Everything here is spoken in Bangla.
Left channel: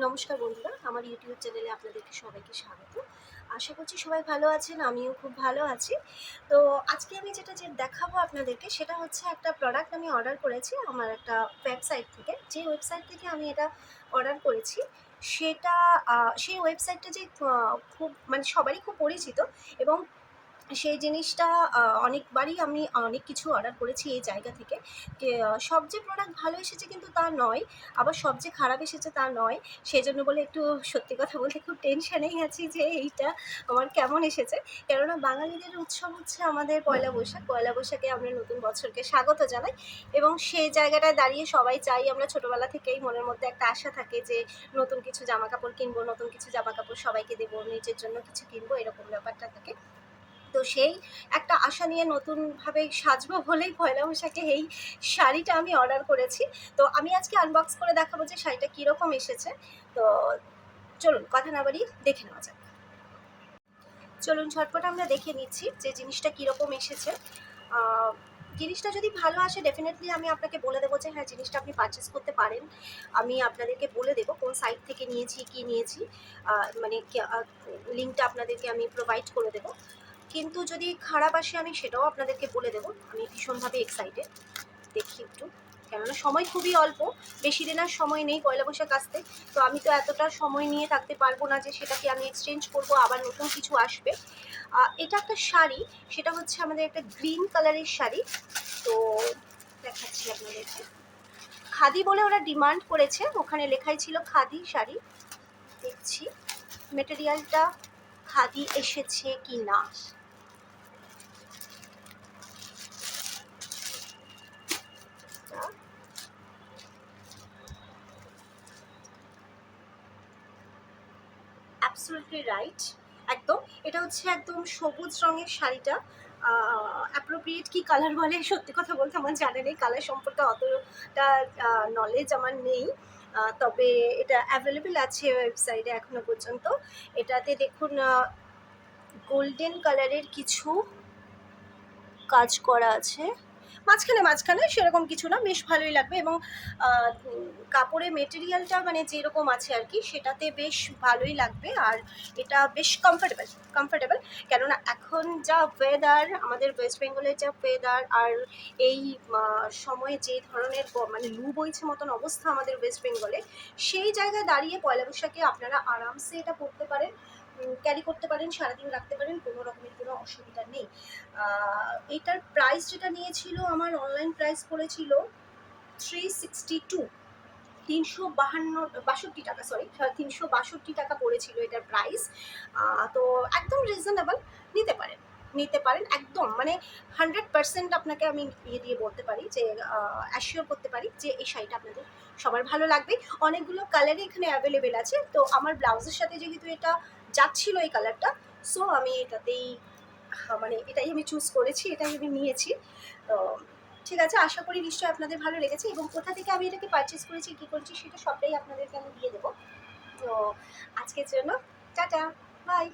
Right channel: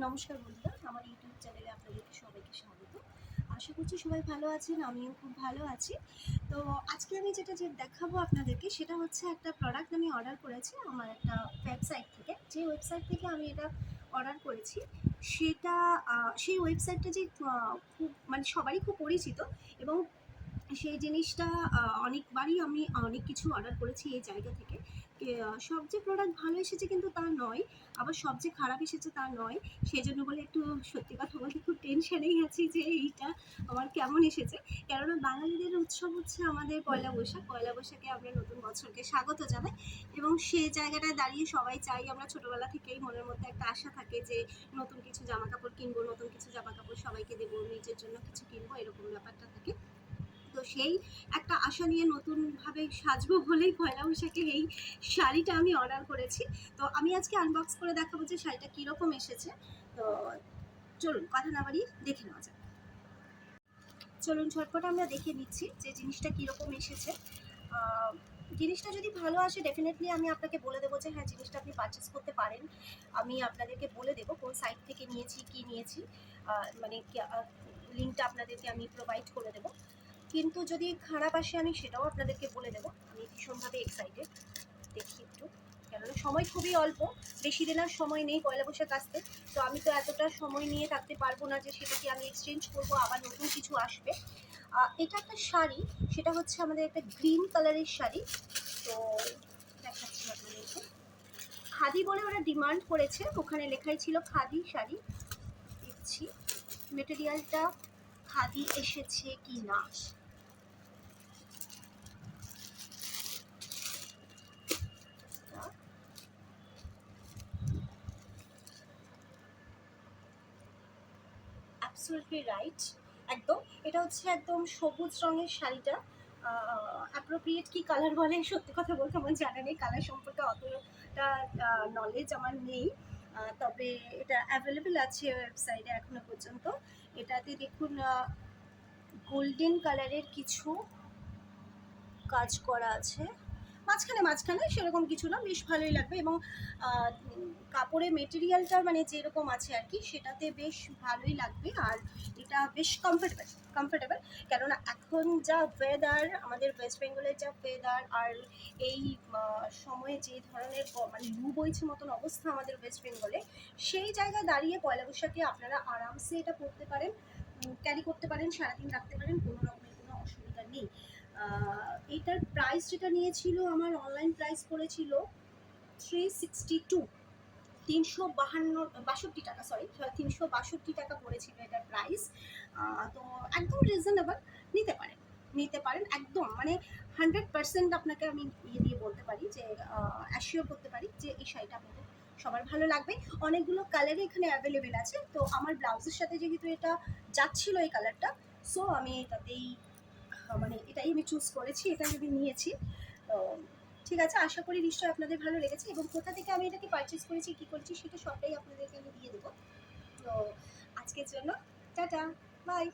নমস্কার বন্ধুরা, আমার ইউটিউব চ্যানেলে আপনাদেরকে সবাইকে স্বাগত। আশা করছি সবাই ভালো আছেন, আমিও খুব ভালো আছি। তো আজকে আমি যেটা দেখাবো আপনাদেরকে সেটা হচ্ছে একটা প্রোডাক্ট আমি অর্ডার করেছি আমার একটা ওয়েবসাইট থেকে। যে ওয়েবসাইট থেকে আমি এটা অর্ডার করেছি সেটা সেই ওয়েবসাইটটা যে খুব মানে সবারই খুব পরিচিত এবং সেই জিনিসটা অনেকবারই আমি অনেক কিছু অর্ডার করেছি এই জায়গা থেকে। সব যে প্রোডাক্ট ভালো এসেছে কিন্তু তা নয়, আবার সব যে খারাপ এসেছে তা নয়। সেজন্য বলে একটু সত্যি কথা বলতে খুব টেনশনেই আছি যে এইটা আমার কেমন এসেছে। কেননা বাঙালিদের উৎসব হচ্ছে আমাদের পয়লা বৈশাখ। পয়লা বৈশাখে আমরা নতুন বছরকে স্বাগত জানাই এবং সেই জায়গাটায় দাঁড়িয়ে সবাই চাই, আমরা ছোটোবেলা থেকেই মনের মধ্যে একটা আশা থাকে যে নতুন কিছু জামাকাপড় কিনবো, নতুন কিছু জামাকাপড় সবাইকে দেবো, নিজের জন্য কিছু কিনবো, এরকম ব্যাপারটা থাকে। তো সেই একটা আশা নিয়ে নতুনভাবে সাজবো বলেই পয়লা বৈশাখে এই শাড়িটা আমি অর্ডার করেছি। তো আমি আজকে আনবক্স করে দেখাবো যে শাড়িটা কীরকম এসেছে। তো চলুন কথা না বাড়িয়ে দেখে নেওয়া যাক। চলুন ঝটপট আমরা দেখে নিচ্ছি যে জিনিসটা কীরকম এসেছে। জিনিসটা যদি ভালো আসে ডেফিনেটলি আমি আপনাকে বলে দেবো যে হ্যাঁ, জিনিসটা আপনি পারচেস করতে পারেন। আমি আপনাদেরকে বলে দেবো কোন সাইট থেকে নিয়েছি, কী নিয়েছি, মানে লিঙ্কটা আপনাদেরকে আমি প্রোভাইড করে দেবো। কিন্তু যদি খারাপ আসে আমি সেটাও আপনাদেরকে বলে দেবো। আমি ভীষণভাবে এক্সাইটেড। দেখি একটু, কেননা সময় খুবই অল্প, বেশি দিন আর সময় নেই পয়লা বৈশাখ আসতে। তো আমি তো এতটা সময় নিয়ে থাকতে পারবো না যে সেটাকে আমি এক্সচেঞ্জ করবো, আবার নতুন কিছু আসবে। এটা একটা শাড়ি, সেটা হচ্ছে আমাদের একটা গ্রিন কালারের শাড়ি। তো দেখাচ্ছি আপনাদেরকে। খাদি বলে ওরা ডিমান্ড করেছে, ওখানে লেখাই ছিল খাদি শাড়ি। দেখছি মেটেরিয়ালটা খাদি এসেছে কি না। অ্যাবসলিউটলি রাইট, একদম। এটা হচ্ছে একদম সবুজ রঙের শাড়িটা। অ্যাপ্রোপ্রিয়েট কি কালার বলে সত্যি কথা বলতে আমার জানা নেই, কালার সম্পর্কে অতটা নলেজ আমার নেই। তবে এটা অ্যাভেলেবেল আছে ওয়েবসাইটে এখনো পর্যন্ত। এটাতে দেখুন গোল্ডেন কালারের কিছু কাজ করা আছে, মাঝখানে সেরকম কিছু না, বেশ ভালোই লাগবে। এবং কাপড়ের মেটেরিয়ালটা মানে যেরকম আছে আর কি, সেটাতে বেশ ভালোই লাগবে। আর এটা বেশ কমফোর্টেবল, কেননা এখন যা ওয়েদার, আমাদের ওয়েস্ট বেঙ্গলের যা ওয়েদার, আর এই সময়ে যে ধরনের মানে লু বইছে মতন অবস্থা আমাদের ওয়েস্ট বেঙ্গলে, সেই জায়গায় দাঁড়িয়ে পয়লা বৈশাখে আপনারা আরামসে এটা পরতে পারেন, ক্যারি করতে পারেন, সারাদিন রাখতে পারেন, কোনো রকমের কোনো অসুবিধা নেই। এটার প্রাইস যেটা নিয়েছিল, আমার অনলাইন প্রাইস পড়েছিল 362, 362 টাকা, সরি 362 টাকা পড়েছিল এটার প্রাইস। তো একদম রিজনেবল, নিতে পারেন একদম, মানে 100% আপনাকে আমি দিয়ে বলতে পারি যে অ্যাসিওর করতে পারি যে এই শাড়িটা আপনাদের সবার ভালো লাগবে। অনেকগুলো কালারই এখানে অ্যাভেলেবেল আছে। তো আমার ব্লাউজের সাথে যেহেতু এটা যাচ্ছিল এই কালারটা, সো আমি এটাতেই মানে এটাই আমি চুজ করেছি, এটাই আমি নিয়েছি। তো ঠিক আছে, আশা করি নিশ্চয়ই আপনাদের ভালো লেগেছে এবং কোথা থেকে আমি এটাকে পারচেস করেছি, কী করেছি, সেটা সবটাই আপনাদেরকে আমি দিয়ে দেবো। তো আজকের জন্য টাটা, বাই।